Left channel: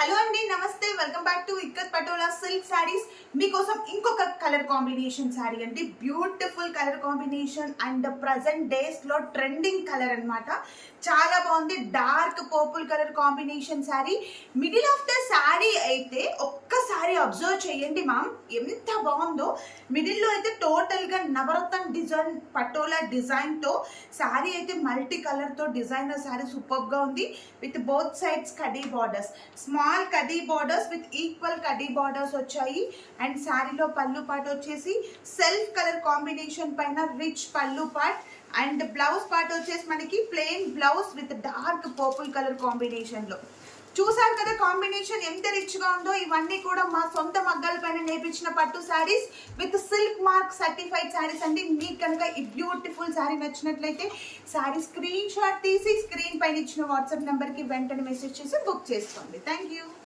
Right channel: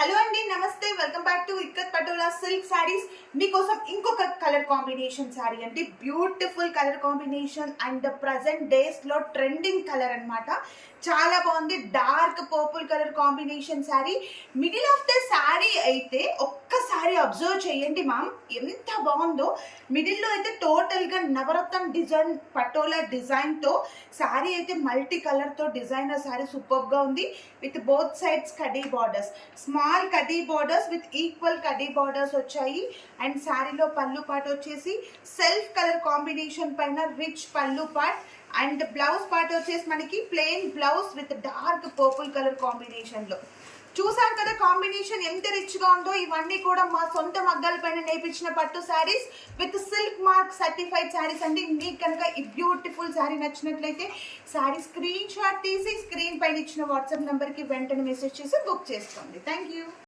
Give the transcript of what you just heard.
Hello అండి, నమస్తే. Welcome back to ikat patola silk saris. మీకోసం ఇంకొక కలర్ కాంబినేషన్ సారీ అంటే beautiful colour combination and present days లో ట్రెండింగ్ కలర్ అన్నమాట. చాలా బాగుంది. Dark purple colour combination sorry. Middle of the sorry అయితే ఒక్కసారి అబ్జర్వ్ చేయండి మ్యామ్, ఎంత బాగుందో. మిడిల్లో అయితే టోటల్ గా నవరత్న డిజైన్ పటోలా డిజైన్ తో సారీ అయితే మల్టీ కలర్ తో డిజైనర్ సారీ సూపర్ గా ఉంది. With both sides khadi borders, small khadi borders with equal khadi borders వచ్చాయి. అండ్ శారీలో పళ్ళు పార్ట్ వచ్చేసి సెల్ఫ్ కలర్ కాంబినేషన్ పైన రిచ్ పళ్ళు పార్ట్ అండ్ బ్లౌజ్ పార్ట్ వచ్చేసి మనకి plain blouse with dark purple colour combination లో. చూసారు కదా కాంబినేషన్ ఎంత రిచ్ గా ఉందో. ఇవన్నీ కూడా మా సొంత మగ్గాల పైన నేర్పించిన పట్టు saris with silk mark certified saris అండి. మీకు కనుక ఈ బ్యూటిఫుల్ శారీ నచ్చినట్లయితే శారీ స్క్రీన్ షాట్ తీసి స్క్రీన్ పైన ఇచ్చిన వాట్సాప్ నెంబర్కి వెంటనే మెసేజ్ చేసి బుక్ చేసుకోండి. Thank you.